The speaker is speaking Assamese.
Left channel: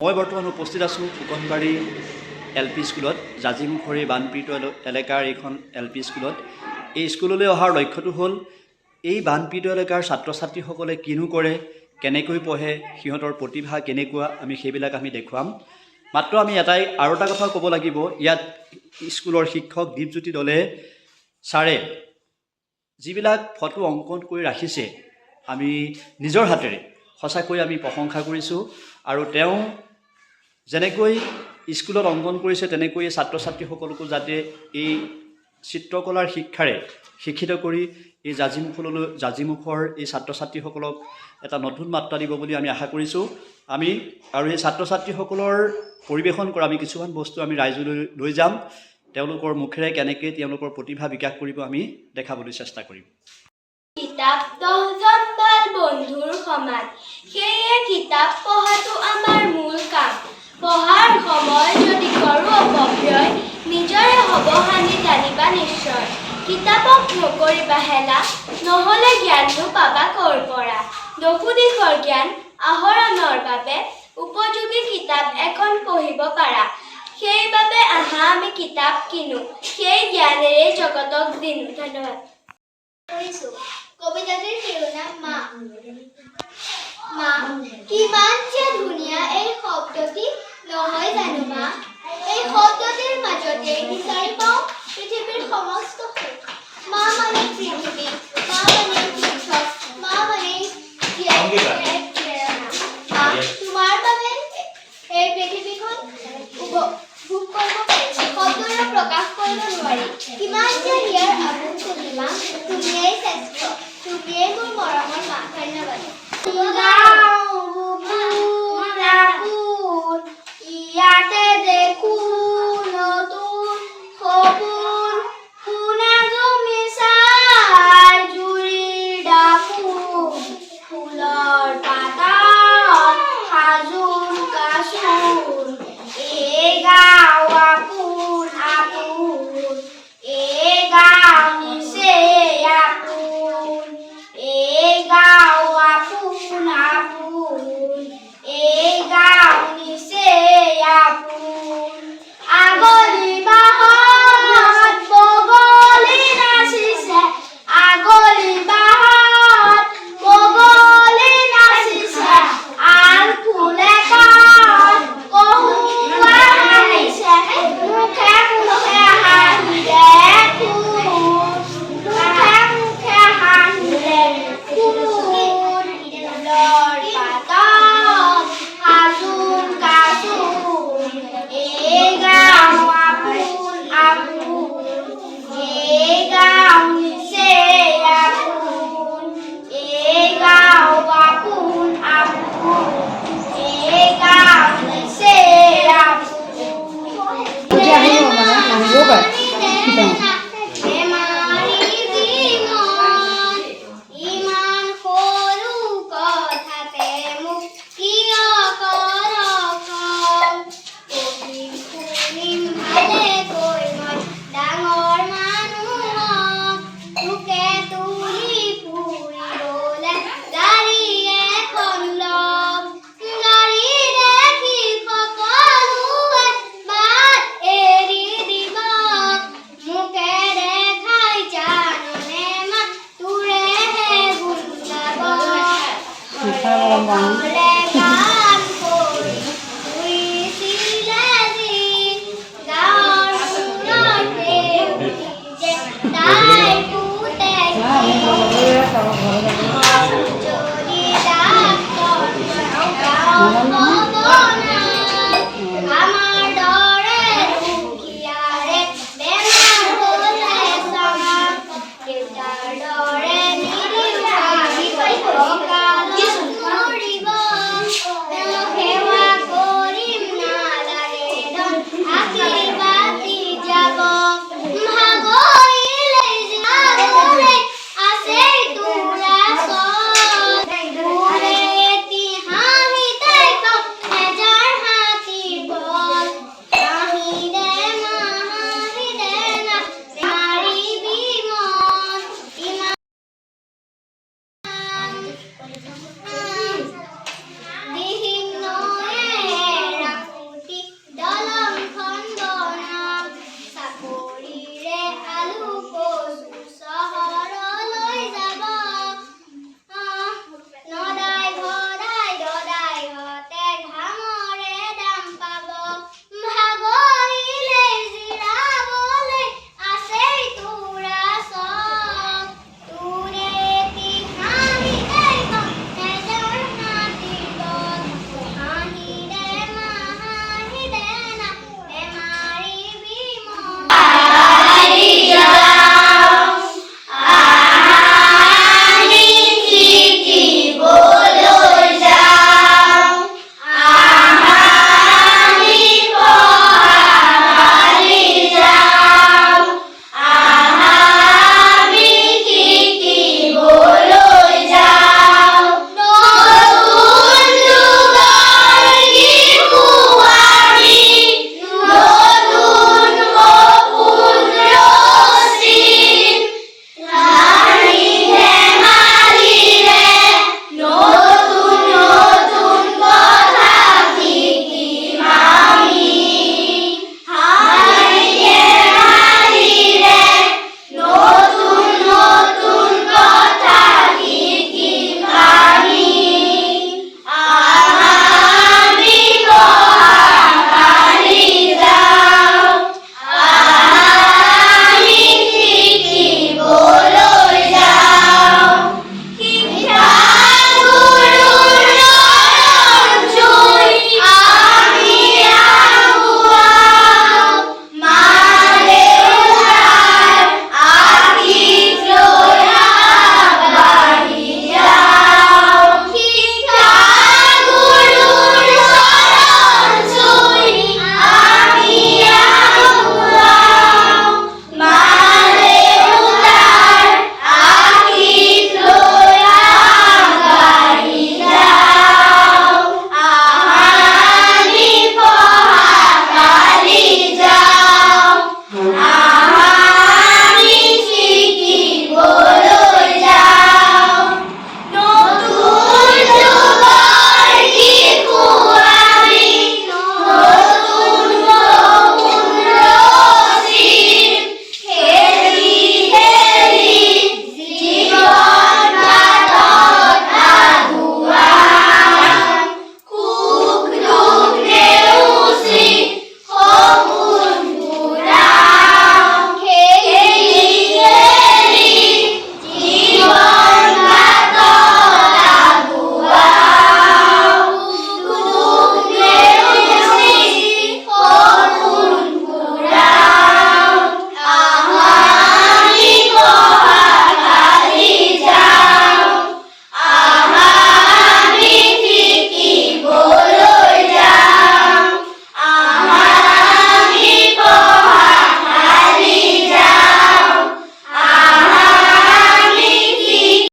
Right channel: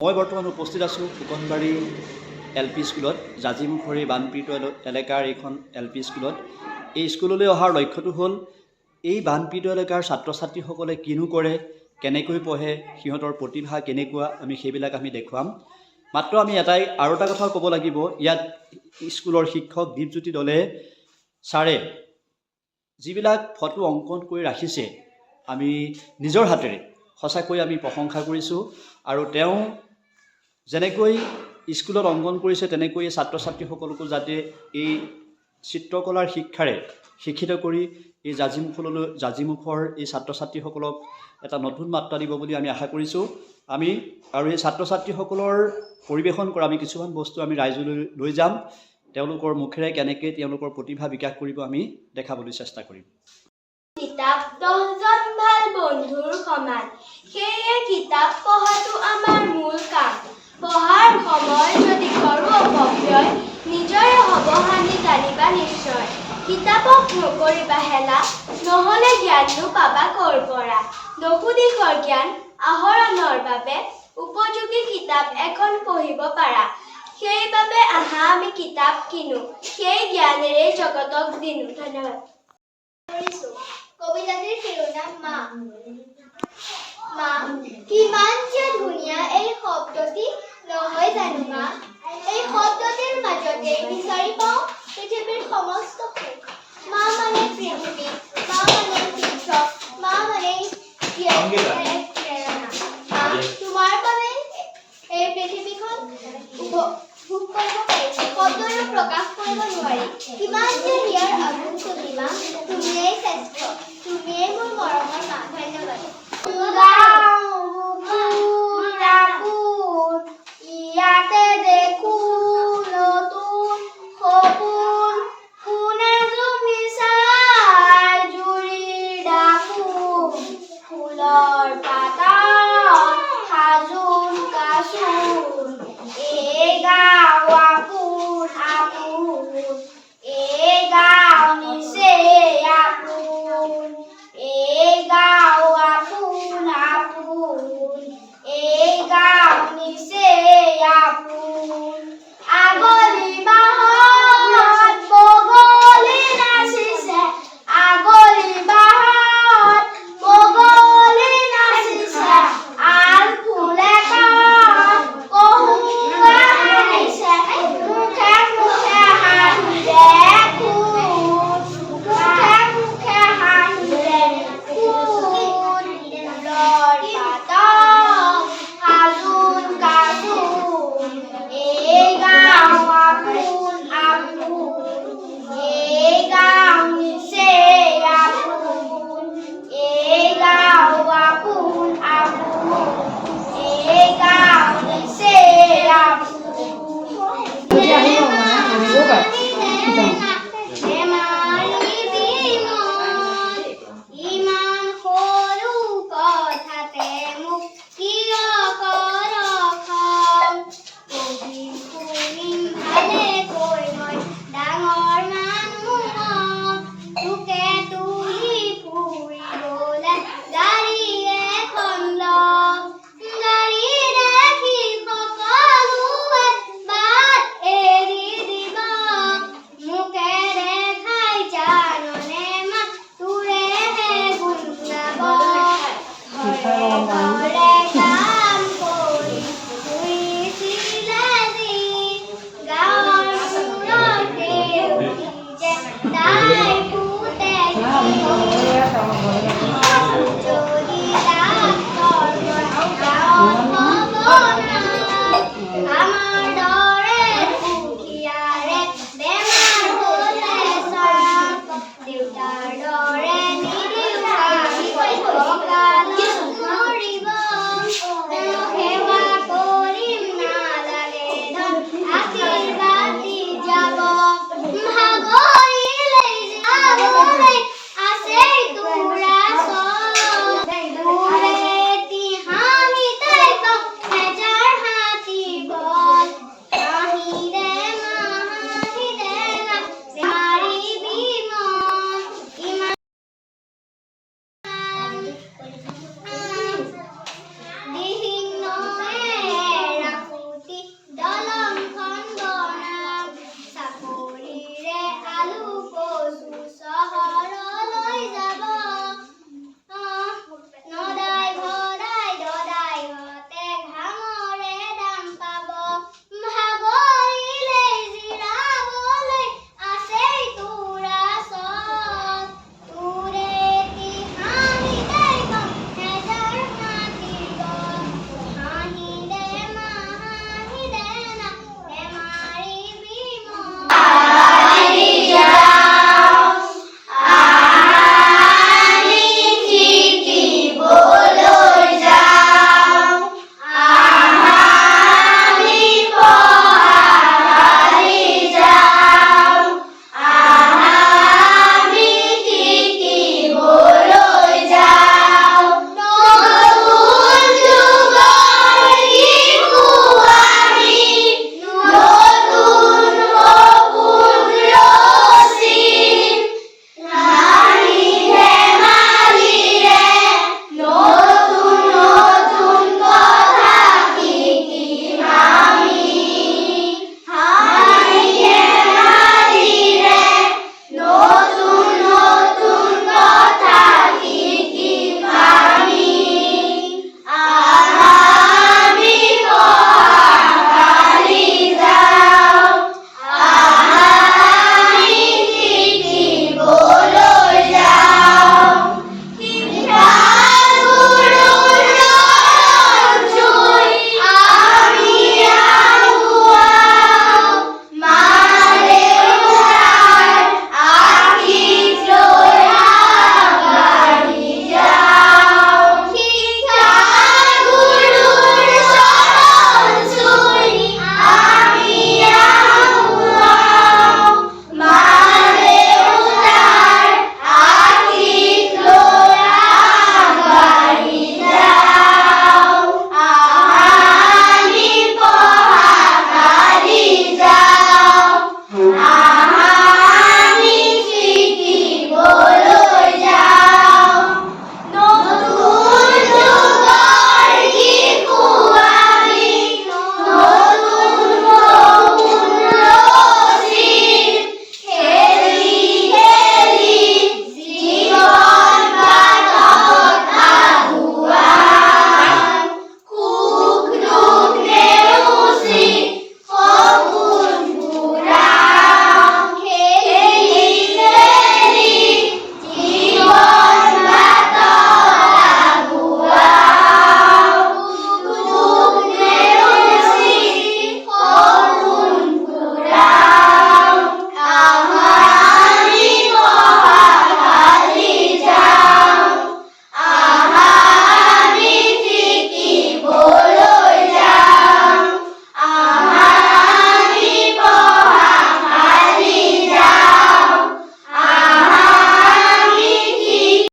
মই বৰ্তমান উপস্থিত আছোঁ ফুকনবাৰী LP স্কুলত, জাজিমুখৰী বানপীড়িত এলেকাৰ এইখন LP স্কুলত। এই স্কুললৈ অহাৰ লক্ষ্যটো হ'ল এই বানপীড়িত এলেকাৰ ছাত্ৰ ছাত্ৰীসকলে কিনো কৰে, কেনেকৈ পঢ়ে, সিহঁতৰ প্ৰতিভা কেনেকুৱা, আমি সেইবিলাক দেখুৱাম। মাত্ৰ আমি আৰু এটা কথা ক'ব লাগিব, ইয়াত স্কুলৰ শিক্ষক দীপজ্যোতি দলে ছাৰে যিবিলাক ফটো অংকন কৰি ৰাখিছে, আমি নিজৰ হাতেৰে সঁচাকৈ আমি প্ৰশংসা কৰিছোঁ। আৰু তেওঁ যেনেকৈ স্কুলত অংকন কৰিছে তেনেকৈ ছাত্ৰ ছাত্ৰীসকলকো যাতে এই চিত্ৰকলাৰ শিক্ষাৰে শিক্ষিত কৰি এই জাজিমুখৰ এই ছাত্ৰ ছাত্ৰীসকলক এটা নতুন মাত্ৰা দিব বুলি আমি আশা কৰিছোঁ। আৰু এই ছাত্ৰ ছাত্ৰীসকলৰ পৰিৱেশন কৰা আমি কিছুমান বস্তু আমি ৰাইজলৈ লৈ যাম। তেওঁলোকৰ মুখেৰে কেনেকৈ তেওঁলোকৰ প্ৰতিভা বিকাশ কৰিব আমি দেখাবলৈ চেষ্টা কৰিম। কিতাপ 10জন ভাল বন্ধুৰ সমান, সেয়ে কিতাপ পঢ়াটো আমাৰ মূল কাম। পঢ়াৰ সময় যদি কৰোঁ অপব্যয়, নিজৰে হ'ব হানি জানিবা নিশ্চয়। কিতাপক নকৰিবা হেলা, নহ'লে জ্ঞাননো পাবা ক'ৰ পৰা। নসুদিশৰ জ্ঞান আহৰণৰ বাবে উপযোগী কিতাপ এখন পঢ়িব পাৰা। সেইবাবে আহা আমি কিতাপ কিনো, সেই জ্ঞানেৰে জগতক দিনো। ধন্যবাদ। কবিতাটিৰ শিৰোনাম মা। মা, কিমান যে ধুনীয়া এই শব্দটি নহয় জানো মা? এই শব্দটিৰ মাজতেই বিচাৰি পাওঁ পৃথিৱীৰ সমস্ত সুখ। মা মানে পৃথিৱী, মা মানে শিক্ষক, মা মানে প্ৰেৰণা। মা, তোমাৰ বাবে এই পৃথিৱীখন ভোগ কৰিব পাৰিছো, শব্দৰে প্ৰকাশ কৰিব নোৱাৰি। কিমান